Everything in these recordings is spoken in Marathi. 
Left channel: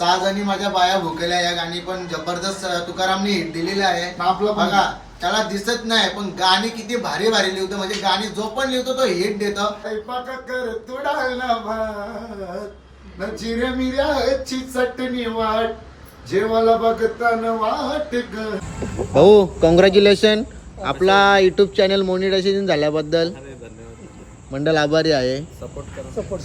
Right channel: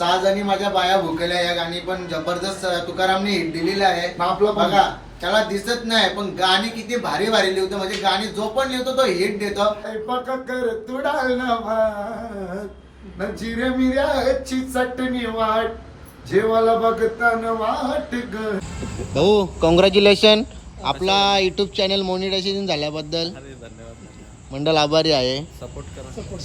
सहा जणी माझ्या बाया भुकेल्या या गाणी पण जबरदस्त तुकारामने हिट दिलेलं आहे. आपलं. बघा त्याला दिसत नाही पण गाणी किती भारी भारी लिहितो. म्हणजे गाणी जो पण लिहितो तो हिट देतो. चटणी वाट जेवाला बघताना वाट ग. भाऊ कॉंग्रॅच्युलेशन आपला युट्यूब चॅनल मोनिटायझेशन झाल्याबद्दल मंडळ आभारी आहे.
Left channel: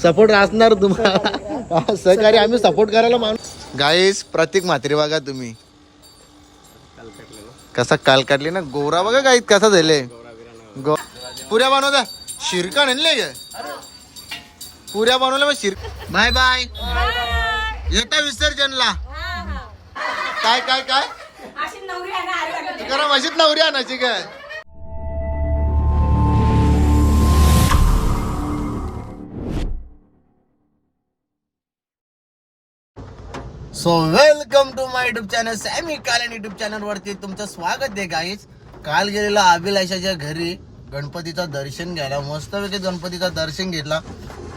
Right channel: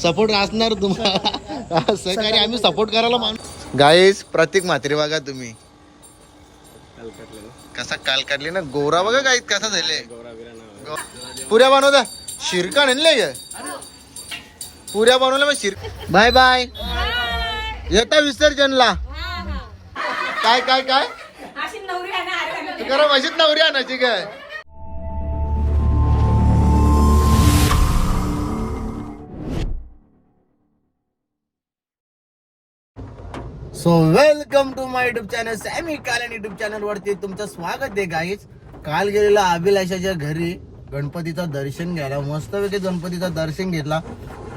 सपोर्ट असणार तुम्हाला. सहकारी आम्ही सपोर्ट करायला माणूस. गाईस प्रतीक म्हात्रे बघा तुम्ही. कसा काल काढले ना? गोरा बघा गाईत कसा झाले. गो पुऱ्या बनवता शिरका आणले गे पुऱ्या बनवल्या मग शिर बाय बाय येता विसर्जनला. काय काय काय? तू करा मशीद नवरी आणायची काय? So welcome to my YouTube channel Sami Kalan YouTube channel वरती तुमचं स्वागत आहे गाईज काल गेलेलो अभिलाषाच्या घरी गणपतीचं दर्शन घ्यायला. मस्तपैकी गणपतीचं दर्शन घेतला.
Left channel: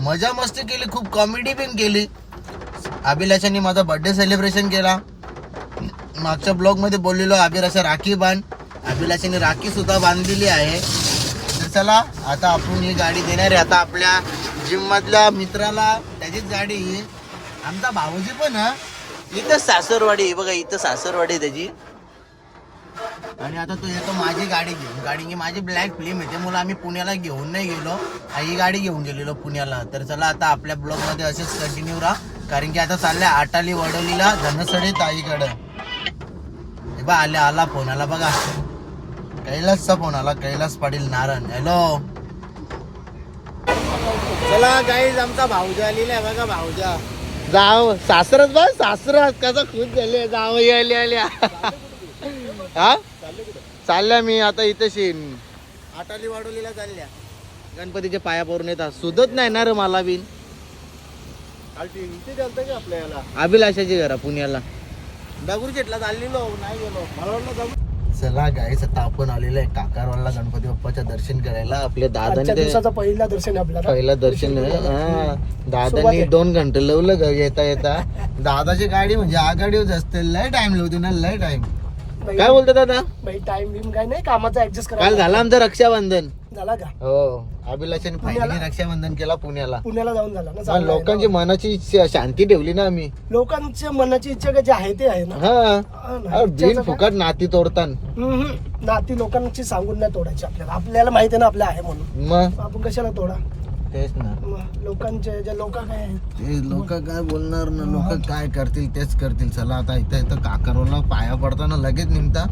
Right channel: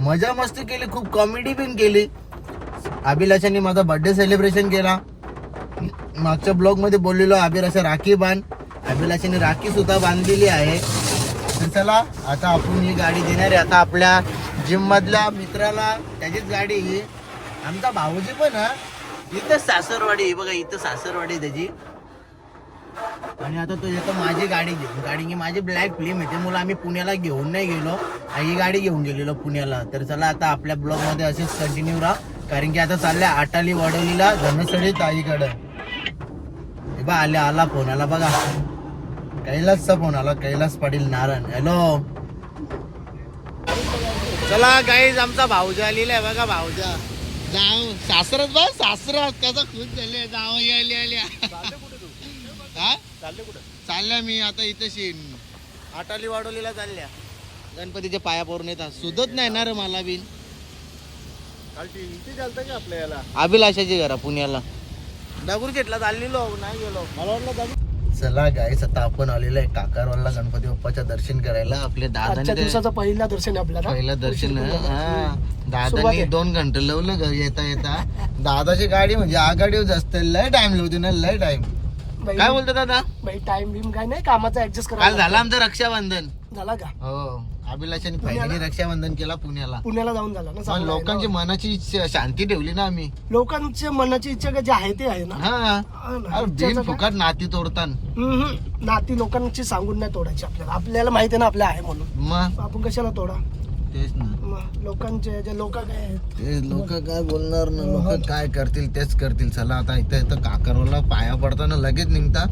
मजा मस्ती केली खूप कॉमेडी पण केली. अभिलाषाने माझा बर्थडे सेलिब्रेशन केला. मागच्या ब्लॉगमध्ये बोललेलो अभिलाषा राखी बांध. अभिलाषाने राखी सुद्धा बांधलेली आहे. तर चला आता आपण ही गाडी देणार आहे. आता आपल्या जिम मधल्या मित्राला त्याचीच गाडी. आमचा भाऊजी पण हा. इथं सासरवाडी बघा इथं सासरवाडी आहे त्याची. आणि आता तो येतो माझी गाडी घेऊन. गाडी की माझी ब्लॅक फिल्म आहे. मुलं आम्ही पुण्याला घेऊन नाही गेलो. ही गाडी घेऊन गेलेलो पुण्याला. तर चला आता आपल्या ब्लॉगमध्ये असेच कंटिन्यू राहा. कारण की आता चालल्या आटाली वडोलीला धनसडी ताईकडं. हे बा आले आला फोन आला बघा. कैलासचा फोन आला कैलास पाटील नारायण. हॅलो चला काही आमचा भाऊजा आलेला आहे बघा भाऊजा. जाव सासरच बस सासरच कसा खूप झाले. जाव आले आल्या हा? चालल्या मी आता इथे शिन आटाली वाडोलीला चालल्या. गणपतीच्या पाया पडून येतात. सुधत नाही ना रे मला बिन अभिलाषाची घरा पुण्याला. दगडूशेठला चाललेलो नाही गेलो. मला वाटलं चला गाईस आता आपण आलेलो आहे काकारवाला गणपती बाप्पाच्या दर्शन करायला. आपल्या आजच्या दादाने ते- दिवसाचं पहिला दर्शन आहे आपल्याला. पहिलं दर्शन हा. दादानी दोन घंटे लावलं घ- येता येता. दादाची गाडी म्हणजे आघाडीवर असते लय टाइम लावते ना लय टाइम काय बोलतो दादा? टाइम बिम काय नाही कामाचा ऍडजस्ट काल करा झालं आमचं रक्षाबंधन. झाला का? हो अभिलाषाने फायनली रक्षाबंधन केला पुण्याला. पुण्याला जाऊन झाला ना पण चांगलं आहे लोकांची. मनाची इच्छा- शांती ठेवली ना आम्ही. लोकांच्या मनाची इच्छा जे आहे ते आहे ना? हा. हा ना. अरे बिन इच्छाचं काय? फुकट नाती तोडतान. हम्म. नाती लोकांची सांगून नाही तोडायची आपल्याला. आपल्याला माहिती आहे ना आपल्या आहे म्हणून. मग? आपण कशाला तोडा? तेच ना. मग लोकांचे जे लोक काय आहेत? लोक काय बोलणार ना? लोक काय करतील तेच करतील. चला आता इथं इथं काकरवला पाया पडताना लगेच निघता.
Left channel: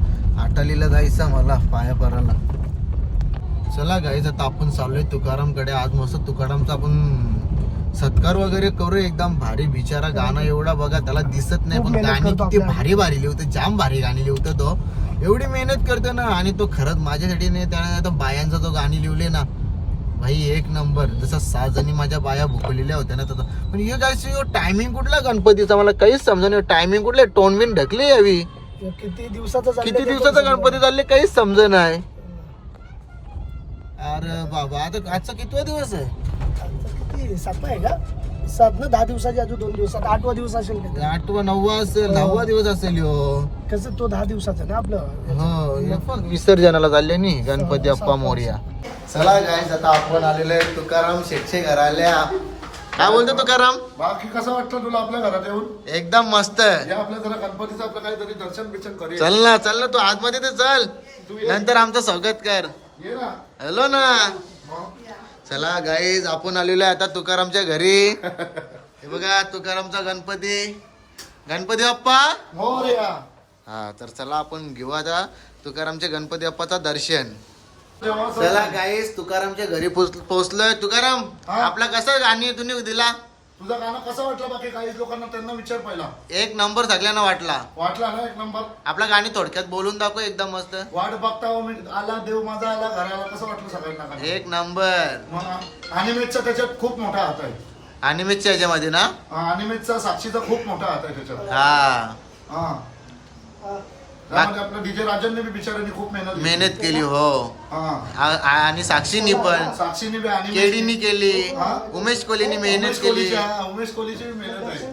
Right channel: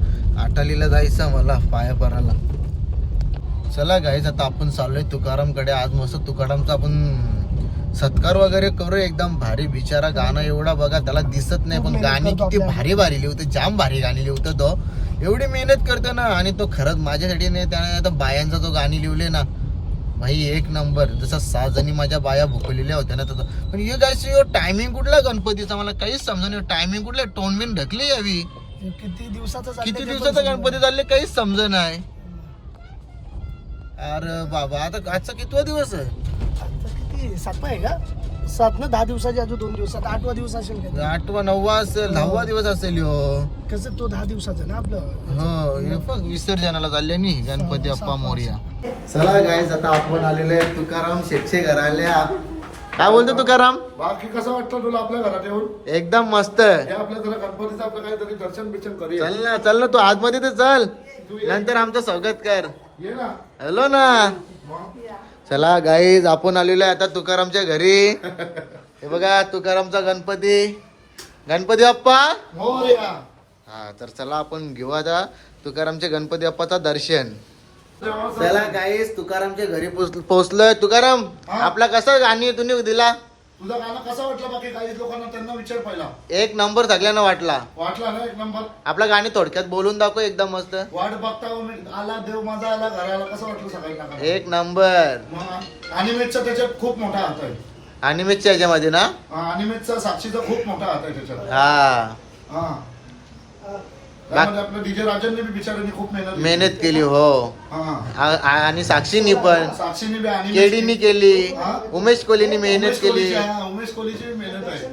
आटालीला जायचं मला पाया पडायला. चला गाईस आता आपण चाललोय तुकारामकडे. आज मस्त तुकारामचा आपण सत्कार वगैरे करू एकदम भारी बिचारा गाणं एवढा बघा त्याला दिसत नाही पण गाणी किती. भारी भारी लिहतो जाम भारी गाणी लिहतो तो. एवढी मेहनत करतो ना आणि तो खरंच माझ्यासाठी नाही त्याने आता बायांचा जो गाणी लिवले ना भाई एक नंबर. जसं सहा जणी माझ्या बाया भुकलेल्या होत्या ना तसं. पण हे काय टायमिंग कुठला गणपतीचा? मला काहीच समजा नाही. टायमिंग कुठला टोन बिन ढकली यावी. किती दिवसाचं किती दिवसाचा गणपती चालले काहीच समज नाही. अरे बाबा आता आजचा कितवा दिवस आहे? किती? सातवा आहे का? सात ना दहा दिवसाचे अजून दोन दिवसात आठवा दिवस असेल का? आठवा नववा असेल दहावा दिवस असेल हो कसं तो दहा दिवसाचा ना आपलं? हो हे पण विसर्जनाला चालले नी गणपती अप्पा मोर्या. चला गाईज आता आपण आलेलो आहे तुकाराम शेटचे घराल्या. काय बोलतो तुकाराम? बाकी कसं वाटतं तुला आपल्या घरात येऊन? एकदम मस्त हे आपल्या जरा गणपतीचं आपलं काहीतरी दर्शन बिर्शन करूया. चल ना चल ना तू आतमध्ये तर चल. नंतर आमचं स्वागत कर. ये ना. हॅलो ना. चला गाईज आपण आलेलो आहे आता तुकारामच्या घरी. हे बघा तुकारामचा गणपती. गणपती बाप्पा? मोरया. हा तर चला आपण घेऊ आता तुकारामच्या गणपती बाप्पाचा दर्शन. चला गाईज तुकारामच्या घरी पोहोचलोय तुकाराम हा? आपला कसा गाणी तुम्ही दिला? तुझं गाणं कसं वाटलं बाकी काही लोकांना त्यांना विचार पहिला. एक नंबर सगळ्यांना वाटला. वाटला ना एक नंबर? आपला गाणी थोडक्यात बोलून दाखव एकदम मस्त. वाट बघता हो मी. आला देव माझा आला घराला. कसं वाटलं सगळ्यांना गाणं? एक नंबर. मग अनिमेटचा त्याच्यात खूप मोठा हात आहे. अनिमेटच्या ह्याच्यामध्ये ना? हा, अनिमेटचा साक्षीचा खूप मोठा हात आहे त्याच्यात. हा. हा. त्यामध्ये आपलं डीजे राजनने बी बिचाऱ्यांनी खूप मेहनत. मेहनत केली हो. हा. आ- आ- आणि साक्षीनी पण. साक्षीने बी आणि केडीनी केली. हा? उमेश कोहलीनी मेहनत उमेश केली. कोहलीची- हा, उमेश कोहलीची बी मेहनत आहे.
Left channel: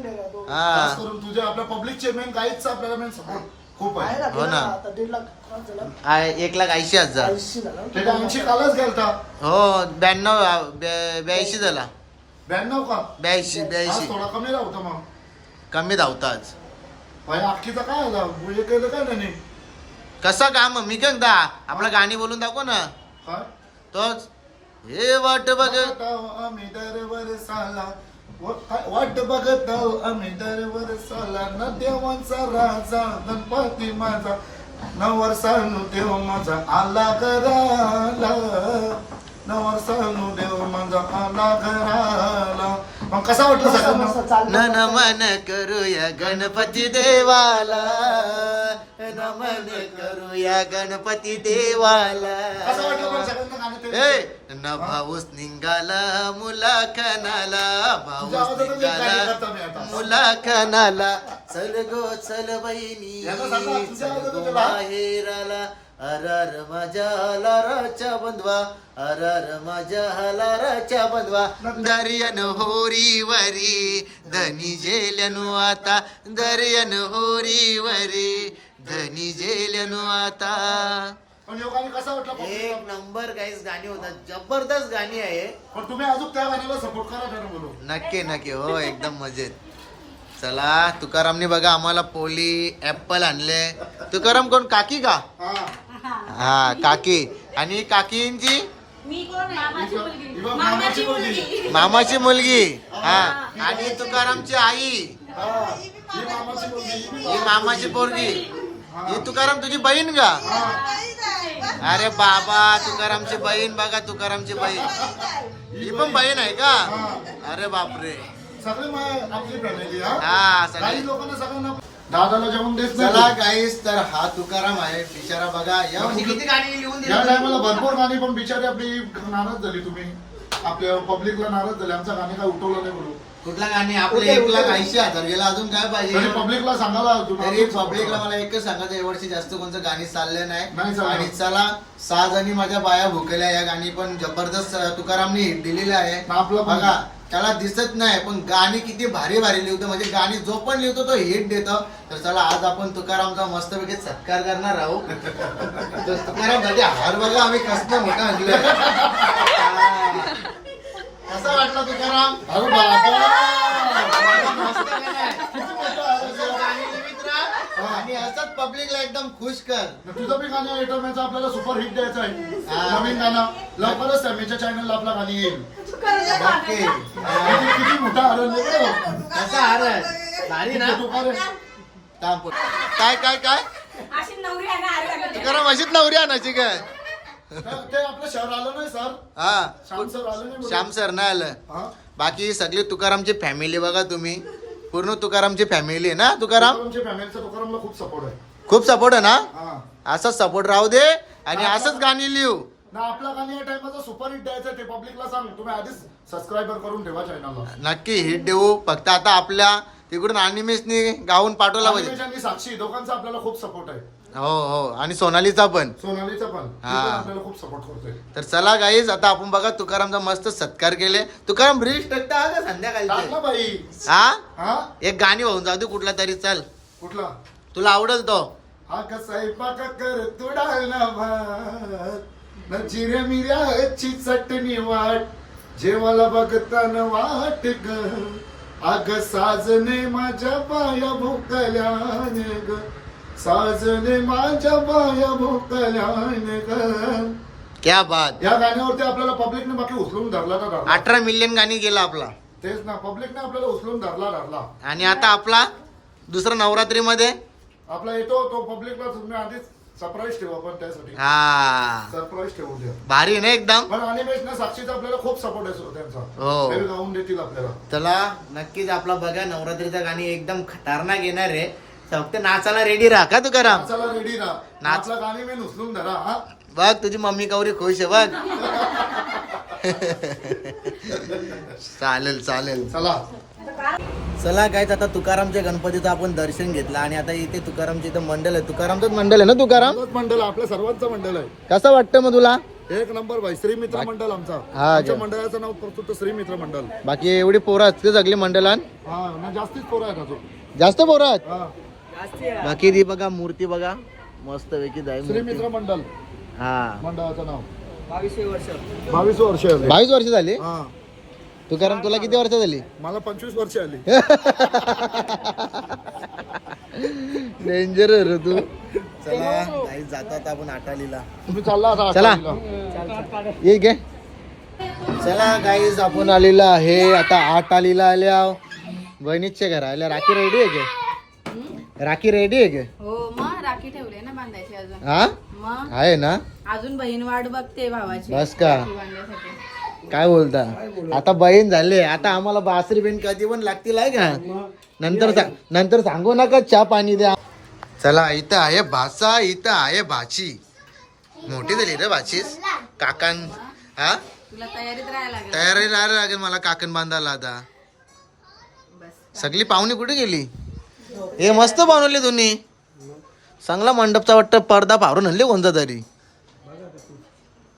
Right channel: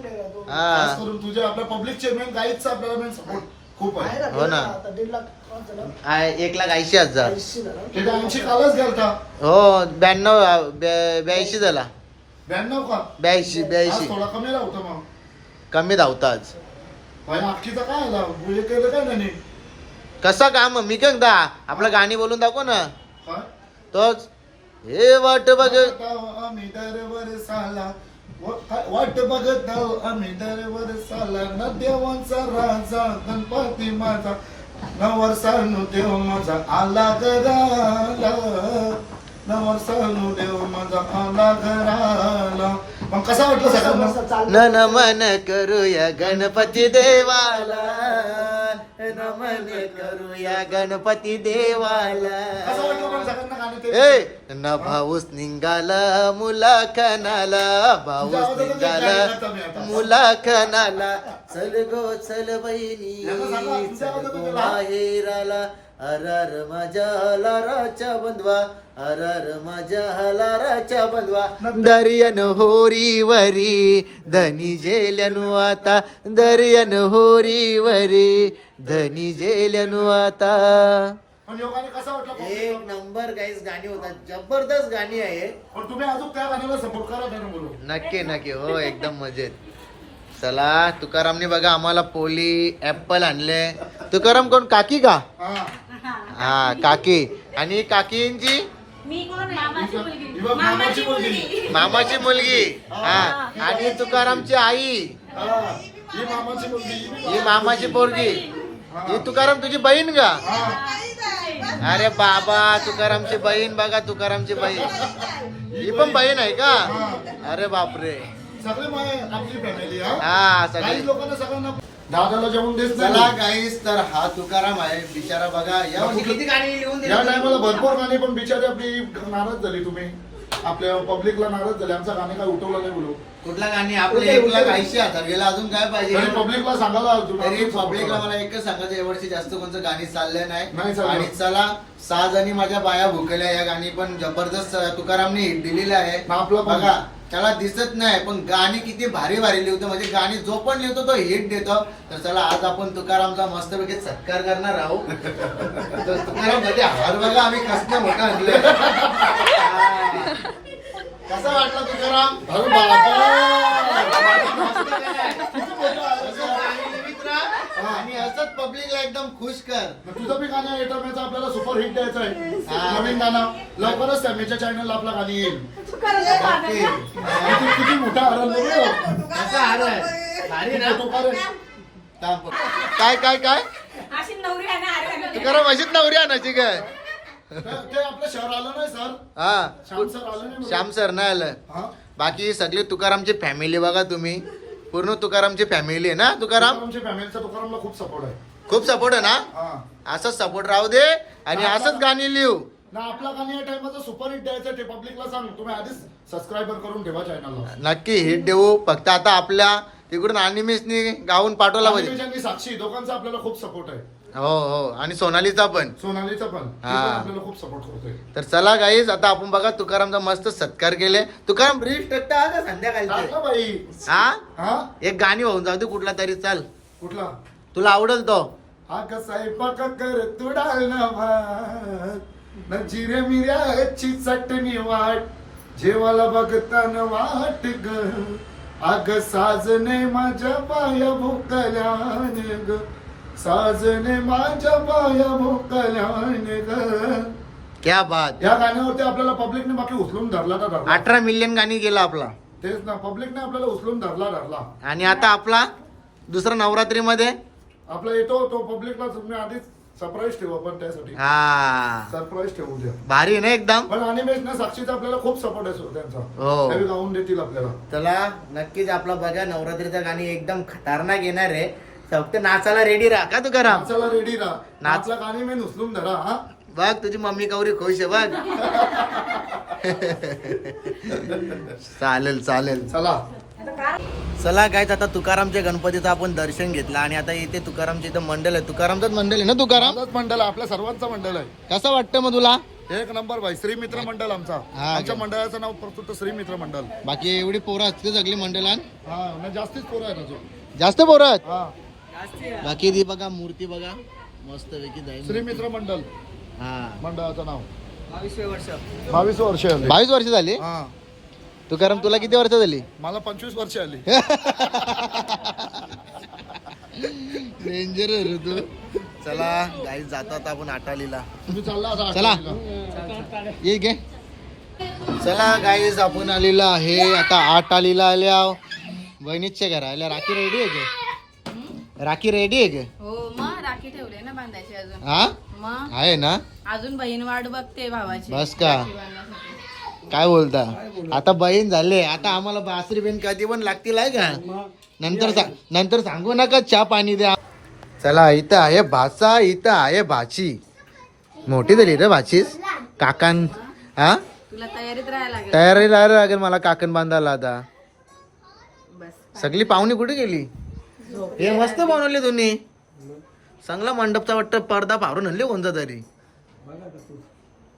हा. खास करून तुझ्या आपल्या पब्लिकचे मेन गाईडचा आपल्याला मेन सपोर्ट खूप आहे. हो ना. आता दीड लाख कोण झालं? आहे, एक लाख ऐंशी हजार. ऐंशी झालं. त्याच्या ऐंशी कालच गेलता. हो ब्याण्णव ब्या- ब्याऐंशी झाला. ब्याण्णव का? ब्याऐंशी आज ब्याऐंशी थोडा कमी राहता मग. कमी धावता भाई अख्खीचा काय आला म्हणजे केलं काय नाही? कसा काम? मी काय दा. आपलं गाणी बोलून दाखव ना. काय तोच. हे वाट बघ. बघताव आम्ही दरवर साला. व- काय- वाट बघत आहो आम्ही दरवर साला. न देवांचा राजा गणपती माझा. नवर सानू देव माझा. आला घराला. मग कसा वाटलं मस्त चाललं. नमन करूया गणपती देवाला नमन करूया गणपती देवाला? ए न भाऊस निघाला मुलाखनाला भाऊस निघाला मुलाखनाला. चल गो चल बहिणी चल गो माहेराला अरार माझ्या लाराच्या बंधवा अरार माझ्या लाराच्या बंधवा. दर्यन होरी वरी धनी जेल्यानु आता. दर्यन होरी वरी धनी जेल्यानु आता. पण ह्यो गाणं कसं वाटलं एक नंबर गाईस गाणी होतात. जबरदस्त गाणी आहे पण तुम्ही अजून त्या गाणीला सपोर्ट करा नक्की नक्की. हो एकदम मजेत. चला तुकारामने बघा आम्हाला पोली ऍपल आणले. तुकाराम कोण? काकी का? हा. हा. काकी. आणि काकींची? मी कोण आहे? मामाची मुलगी. ही बघ, मामाची मुलगी. मामाची मुलगी. हा. आणि तुकारामची आई. हा, ही मामाची मुलगी. ही मामाची पोरगी. ही. तुकाराम तुझी बहीण का? अरे बाबा तुकारामची बहीण बघा तुकारामची बहीण. ही पण बहीण आहे का? अरे बापरे. सगळे माय आपली फॅमिली हा? सगळी. काही लोकांना सगळ्यांना दादाला जेवण देत चला नाही गाईस तर हा तुकाराम आहे. बिचारा बघा या या टायमाला भरपूर गाणी पण बिचारी आपली नाराज झाली तुम्ही. आपल्या पब्लिकला नाराज झाले. आमचं गाणी काय उठवलं नाही बोलू. कुठला गाणी? आपले एक लाख ऐंशी हजार. गेला अजून काय पाहिजे? पब्लिकला सांगायला तरी तुम्ही पब्लिकला मला एकच सांगायचं यावर्षी जास्त कोणतं गाणी चाललं नाही. नाही चाललं. आणि चला सहा जणी माझ्या बाया भुकेल्या. या गाणी पण जबरदस्त तुकारामने हिट दिलेलं आहे. ना आपलं पण. बघा त्याला दिसत नाही पण गाणी किती भारी भारी लिहितो. म्हणजे गाणी जो पण लिहितो तो हिट देतो. तर चला आज आपण तुकारामचा मस्तपैकी सत्कार करणार आहोत. तर तुकाराम हार बघा आम्ही कसं मोठा आणलं कसा वाटला तुकाराम? मस्त गाणं आहे. असं गाणी लिहित राहा आणि असंच पब्लिकला एकदम खुश कर. मग तुझं बी गाणं एटरमॅचं आपल्याला सुपर हिट द्यायचं आहे. हा. नवीन गाणं. लवकरच सॅमीच्या चॅनलला आपलं गाणी येईल. ओके. किती किती मोठा आनंद आहे हो. कसा हार आहे भारी ना? तो का रे? थांब. काय काय काय? अशी नवरी आहे ना अरे तुकाराम अशीच नवरी आणायची काय ते ते आपलं शहर आलं नाही सर. हा. श्याम सर आलं नाही श्याम सर नाही आलं. हा. बाकी सगळी तुकारामची फॅमिली बघा तुम्ही. पूर्ण तुकारामची फॅमिली आहे ना तुकाराम? तुकारामच्या फॅमिलीचा तुकारामला खूप सपोर्ट आहे. खूप सपोर्ट आहे ना? हा. असंच सपोर्ट राहू दे आणि असंच गाणी लिहू. ना आपला गाणी या टाइमचा सुपर हिट द्यायचं ते पब्लिकला सांग. तुम्ही आधीच करून ठेवा चॅनलला नक्की हिट देऊ. फक्त आता आपल्या तिकडून अनिमेशनी गाऊन पाठवला पाहिजे. साक्षी दोघांचा आपल्याला खूप सपोर्ट आहे. हो हो. आणि सोनालीचा पण. सोनालीचा पण. ती हा. आपल्याला खूप सपोर्ट करतोय. तर चला गाईज आता आपण बघा तुकारामचा मस्त सत्कार केले. तुकाराम ब्रिज टाकता का टाकला संध्याकाळचे. बाई. हा? हा? एक गाणी होऊन जाऊ दे कुठला तरी चाल. कुठला? तुला आवडेल तो. हा कसा आहे पका कर तुडाल ना भात. न जिऱ्या मिऱ्याची चटणी वाट. जेवाला बघताना वाट ग. अग साजने माझ्या पाया भोकल्याने ग. साजने माझ्या पाया भोकल्याने ग क्या बात. या गाण्यावरती आपल्याला पब्लिकने बाकी उचलून धरला धरला? अठरा मिलियन गाणी गेला आपला. तेच ना पब्लिकने आपल्याला उचलून धरला धरला. आणि आता आपला दुसरा नवरात्रीमध्ये? आपला येतो तो पब्लिकला तुम्ही आधीच सरप्राईज ठेवू आपण त्यासाठी. हा. सरप्राईज ठेवून द्या. भारी ना एकदम? पण अनिमेश ना साक्षीचा आपल्याला खूप सपोर्ट आहे हो. त्यांचा. ते गाऊन देतील आपल्याला. चला नक्कीच आपला बघा नवरात्रीचा गाणी एकदम खतरनाक येणार आहे. फक्त नाचायला रेडी राहा का तुकाराम? नाचायला रेडी राहा. नाच. आपला गाणी मी उचलून धरा हा? बघ तुझी मम्मी कवरी खुश आहे बघ. चालेल चालेल. चला. चला काय आता तुकारामच्या गणपतीचं आपण दर्शन घेतलं आणि आता इथे तुकारामच्या इथं मंडल आहे. तुकारामचंच मंडल आहे ना तुकाराम? आमचंच मंडळ आहे, आपल्या सर्वांचं मंडळ आहे. कसं वाटतं मग तुला? एक नंबर भाई श्री मित्र मंडळ आमचा. हा, आमच्या. मंडळाचं नाव प्रस्तुत श्री मित्र मंडळ बाकी एवढी पोरं असते सगळी मंडळान हा ना जास्तीच पोरं आहेत अजून. जास्त पोरं आहेत? हा. बाकी ती बघा मूर्ती बघा. मस्त पैकी जाय श्री मित्र मंडळ हा. मंडळाचं नाव. बावीस वर्ष आली. बावीस वर्ष झाली? हा. तू कारण तुला किती वर्ष झाली? मला पंचवीस वर्ष आली. डेंजर तू. चला. काही जातात आपण आटालीला तुम्ही चालला चला. आठवणीला. ये घे. चला गाईज आपण आलेला आहे. आता आठ आलेला आल्या. बहिणीच्या घरा आल्या राखी रेडी आहे राखी रेडी आहे का हो मग राखी ठेवले ना बांधायची अजून. हा? मग आहे ना? अजून बहीण वाट बघते भावाची. बस का? राखी बांधण्यासाठी. काय बोलता? आता बहीण झाले आता आम्हाला बासरी बहीण कधी पण लागतील आहे का? नंतर सा- नंतर सांगू नका चहा पाणी द्या. चला इथं आहे भाचा इथं आहे भाची. मोठी झाली रे भाची. काकान हा? तुला तयारीत राहायला लागेल. तयारी राहायला लागेल मला काकण बांधायला आता. बस. सगळी पाहुणी कुठे गेली? हे मस्त बनवले तुम्ही. चांगला मंडपचा वाटतं पडदा पारून आणले कोणता तरी.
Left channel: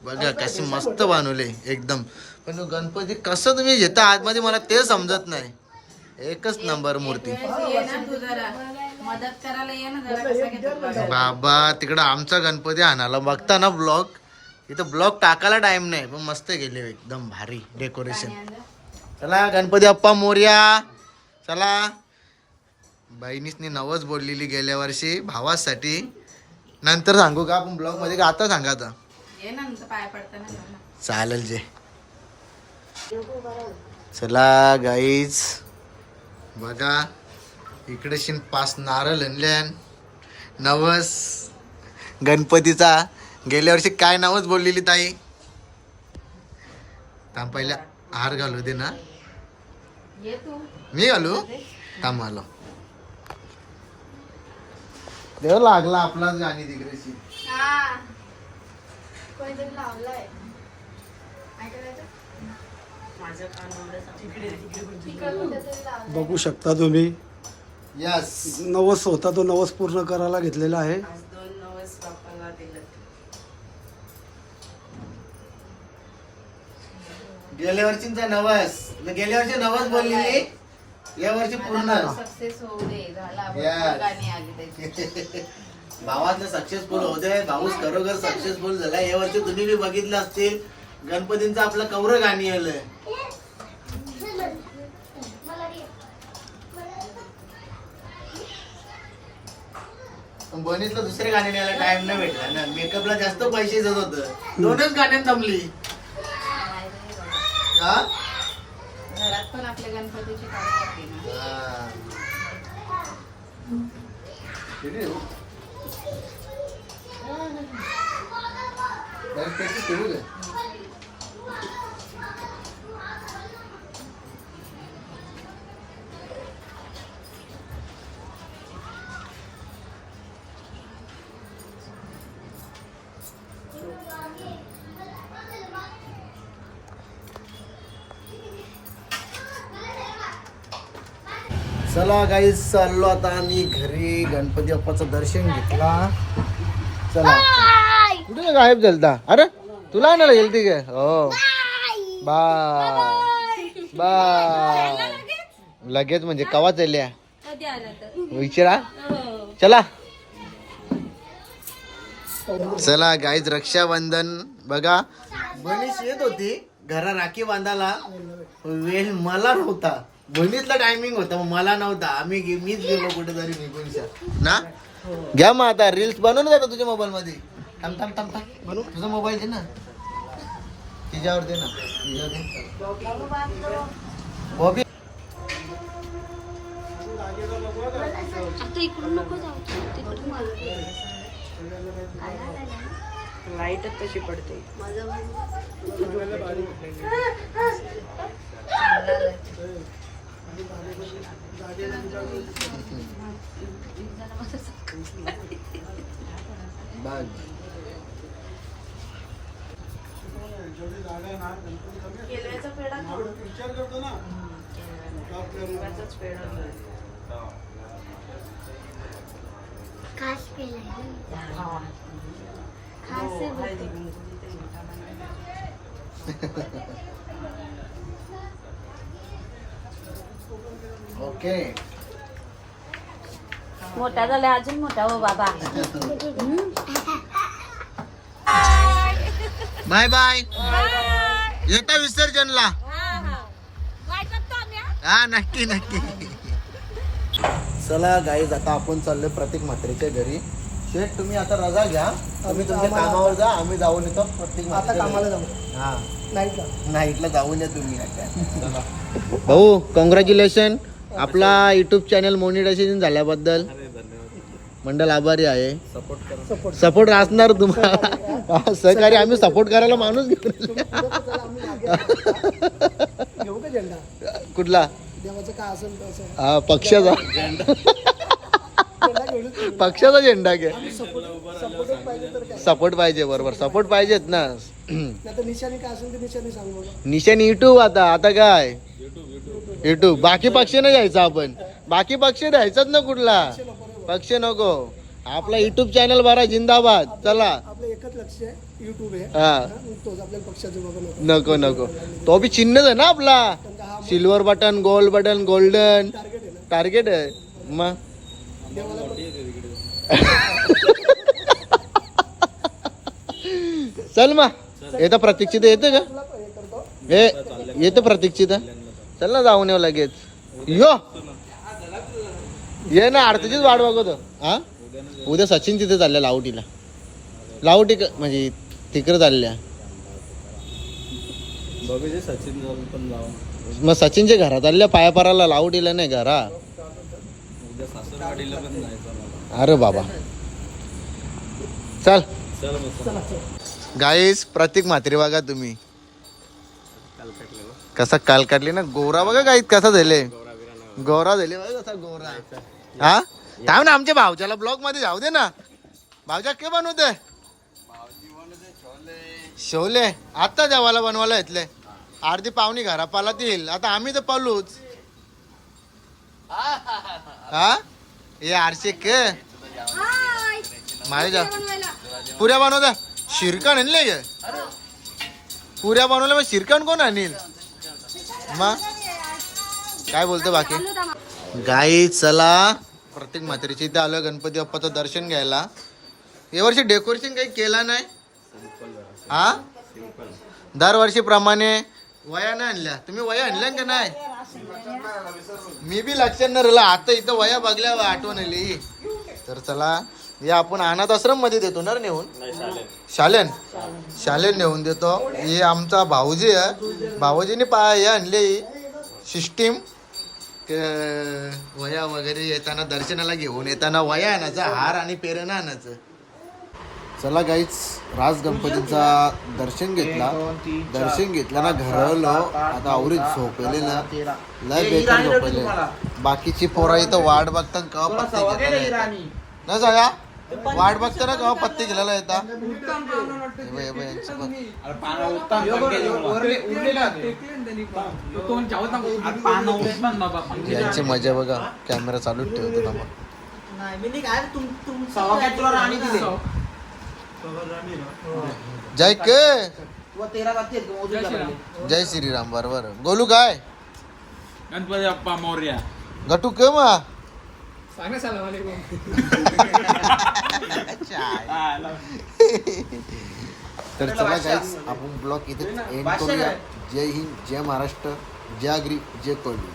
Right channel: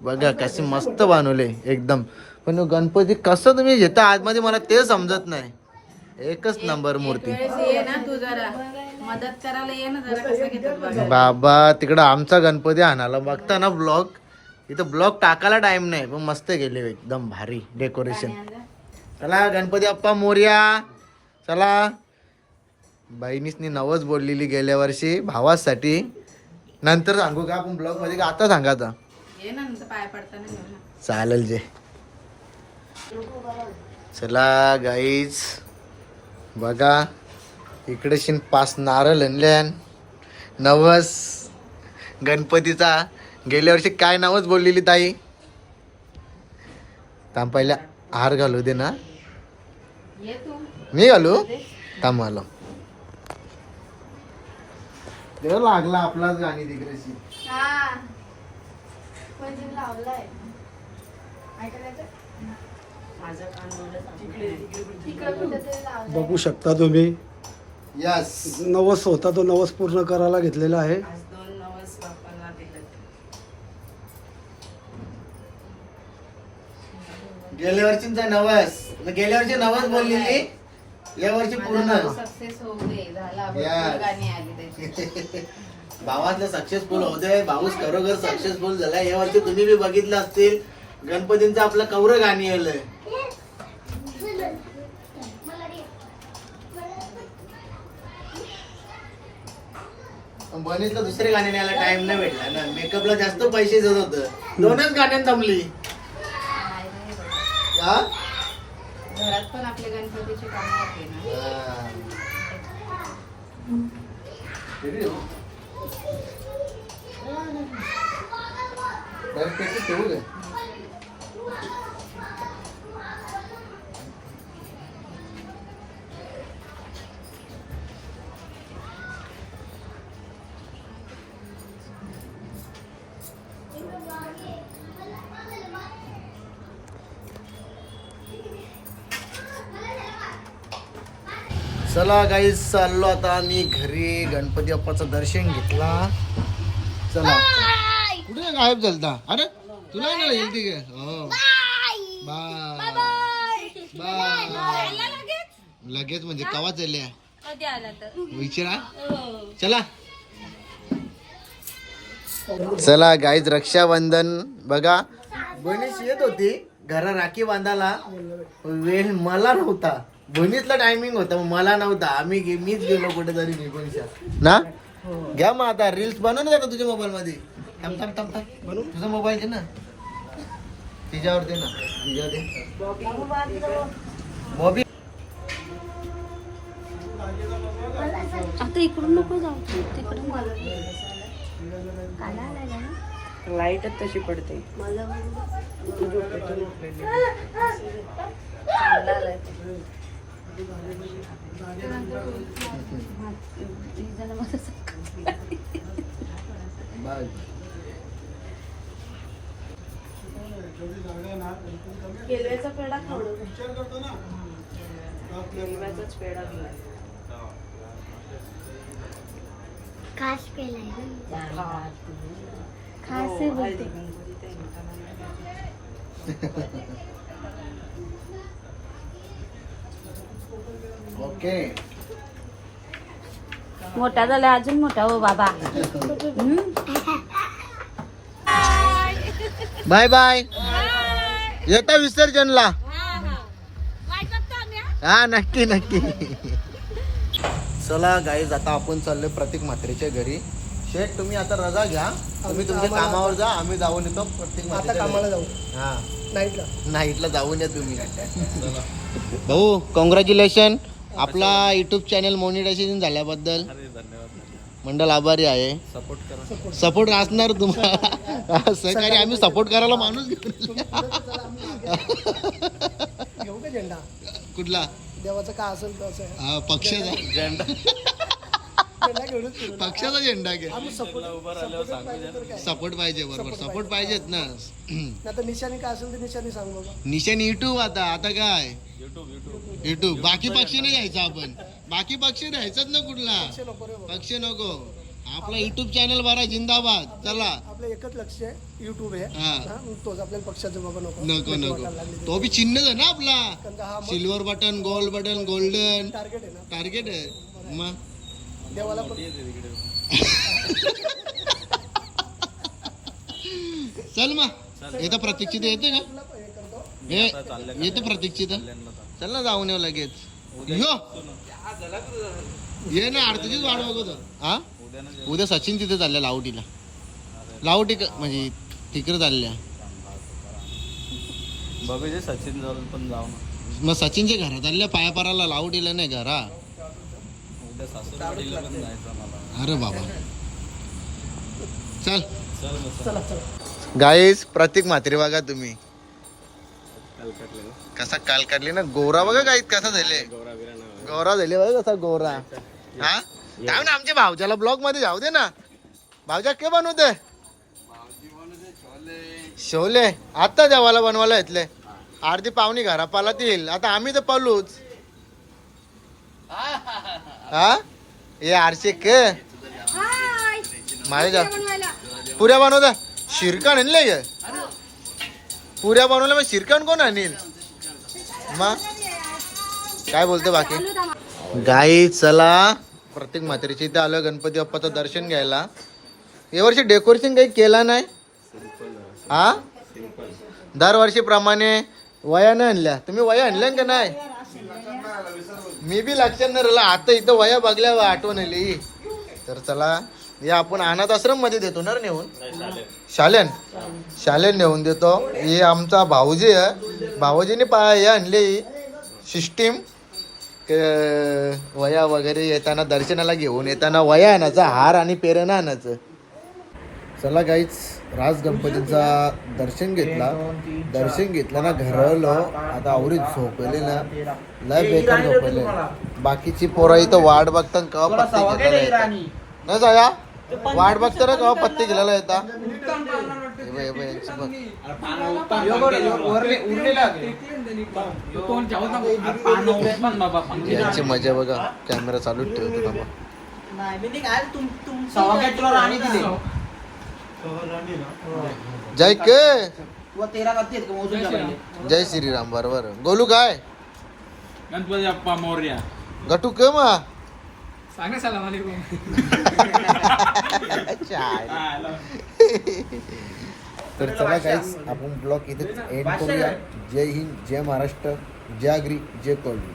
बघा कशी मस्त बनवले एकदम. पण गणपती कसं तुम्ही घेता आतमध्ये मला ते समजत नाही. एकच नंबर मूर्ती. बाबा तिकडं आमचा गणपती आणाला बघता ना ब्लॉग इथं ब्लॉग टाकायला टाइम नाही पण मस्त गेले एकदम भारी डेकोरेशन चला गणपती अप्पा मोर्या. चला. बहिणीसनी नवच बोललेली गेल्या वर्षी भावासाठी. नंतर सांगू का आपण ब्लॉगमध्ये का आता सांगा आता? ये ना नंतर पाय पडताना ना. चालेल जे. चला गाईज बघा इकडे शिन पाच नारळ आणल्यान नवस गणपतीचा. गेल्या वर्षी काय नावच बोललेली ताई? थांब पहिल्या हार घालू दे ना. ये तू. मी घालू? थांब आलो. देव लागला आपलाच गाणी तिकडेची. कानावर बघू शकता तुम्ही. यस नवस होता तो नवस पूर्ण करायला घेतलेला आहे. आज दोन नवस बापाला दिलं गेल्या वर्षीचा नवस. गेल्या वर्षी नवस बोललेली? या वर्षी पूर्ण सक्सेस होऊ दे झाला Yes. भरपूर गाणी आली त्याची. भावातलं सक्सेसफुल होते भाऊस खरोखर सक्सेसफुल झाला या वर्षी तुम्ही बी बघितलं असतील गणपतींचं आपलं कौर गाणी आलंय. बनीतलं दुसरे गाणे न्यायला टाइम नाही भेटला ना. मेकअपला जास्त पैसे देत होत. दोनच गाण्यात जमली हा? घरात पण आपले गणपतीची कामं होते ना हा. चला काही चाललो आता आम्ही घरी. गणपती बाप्पाचं दर्शन घेतला. चला. कुठे गायब झालता अरे तुला आणायला गेलती काय? हो. बाय बाय लगेच म्हणजे कवा चालल्या? विचारा चला. चला गाईज रक्षाबंधन. बघा. बहिणीच येत होती घरा राखी बांधायला. वेळ मला नव्हता. बहिणीतला टायमिंग होता मग मला नव्हता. आम्ही गे- मीच गेलो कुठेतरी निघूनशा ना? घ्या मग आता रील्स बनवून जातो तुझ्या मोबाईल मध्ये. थांब थांब थांब थांब. बनवू? तुझा मोबाईल दे ना. तिच्यावर दे ना. तिच्यावर दे. बॉबी लाईटच तशी पडते. बाय पेढा पेढा खाऊ. खास केलाय खास आहे हळदी कुंकू तिथे. ओके. मोठा झाला अजून मोठा हो बाबा. Bye bye. येता विसर्जनला. हा नक्की नक्की. चला गाईज आता आपण चाललोय प्रतीक म्हात्रेच्या घरी. शेठ तुम्ही आता रजा घ्या. तुम्ही तुमच्या कामावर जा आम्ही जाऊन येतो प्रतीक आता म्हात्रेच्या कामाला. जाऊ. हा. नाही का नाईटला जाऊन या तुम्ही. भाऊ कॉंग्रॅच्युलेशन आपला युट्यूब चॅनल मोनिटायझेशन झाल्याबद्दल मंडळ आभारी आहे. सपोर्ट सपोर्ट असणार तुम्हाला. सहकारी आम्ही सपोर्ट करायला माणूस कुठला? देवाचं काय असेल तसं आहे. हा, पक्षाचा. पक्षाचा झेंडा घ्या. आम्ही सपोर्ट पाहिजे बरोबर. सपोर्ट पाहिजेत ना. निशाणी काय असेल निशाणी सांगू. निशाणी युट्यूब आता. आता काय? युट्यूब बाकी पक्ष नाही घ्यायचा आपण. बाकी पक्ष द्यायचाच ना कुठला? पक्ष नको. आपला युट्यूब चॅनल बरा जिंदाबाद. चला. आपलं एकच लक्ष आहे युट्यूब आहे. हा. तोच आपल्याला पक्षाचं बाबा नको. नको नको. तो बी चिन्हच आहे ना आपला. Silver button gold button golden target आहे ना. टार्गेट आहे. मग? देवाला चल मग. येतं प्रतीक्षित येते का? हे येतं प्रतीक्षित चल ना जाऊन येऊ लगेच. यो. ये ना आरतीचीच वाट बघतो हा? उद्या सचिन तिथे चालल्या लावटीला. लावटी क- म्हणजे तिकडे चालल्या. बघू सचिन पण जाऊ मग सचिनच्या घरात चालल्या पाया पाराला लावटीला नाही घरा. अरे बाबा. चल. गाईस प्रतीक म्हात्रे बघा तुम्ही. कसा काल काढली ना? गोरा बघा गाईत कसा झाले? गौरा झाले बघा कसा गोरा. हा? थांब ना आमच्या भावच्याला ब्लॉगमध्ये जाऊ दे ना. भावजा के बनवते शोले आता जेवायला बनवायला येतले. अर्धी पाहुणी घरा पालातील आता आम्ही तर पालूच. हा? हे आरशे के मारे जा. पुऱ्या बनवता शिरकण आणले पुऱ्या बनवल्या मग शिरकण कोण आणील? मग काय बोलते बाकी? गाई चला. प्रत्येक म्हातारीच्या इथे आलो गणपती बाप्पाचं दर्शन घ्यायला. यावर्षी डेकोरेशन काही केला नाही? हा? दरवर्षीप्रमाणे वया नाही आणल्या. तुम्ही वया आणल्या का नाही? मी बी लक्षात नाही राहिलं आता इथं वया बघल्या आठवण आली. तर चला या आपण अनाथ आश्रममध्ये देतो ना नेऊन? शालेन? शालेन नेऊन देतो. हे आमचा भाऊजी आहे. भाऊजीने पाय आणले. सिस्टीम वया वगैरे येताना दर्शनाला घेऊन येताना वया आणायचा हार आणि पेरण आणायचं. चला गाईच राज गणपतीचा दर्शन घेतला. दर्शन घेतला ना घरलो आता आवरीत झोपले ना. लय बेकार झोपले. बाकीची पोरा इथं वाट बघता कवा पत्ते घेतलेला ना सगळ्या वाट बघता ना कवा पत्ते हे बघ, यांची मजा बघा कॅमेरा चालूच ठेवतो थांबा. जय के. जय श्रीराम बरोबर. गोलू काय? गणपती बाप्पा मोर्या. गटू के मा? तर चला काहीच आपण ब्लॉग इथे एंड करूया. जय हिंद जय महाराष्ट्र जय आगरी जय कोल्डी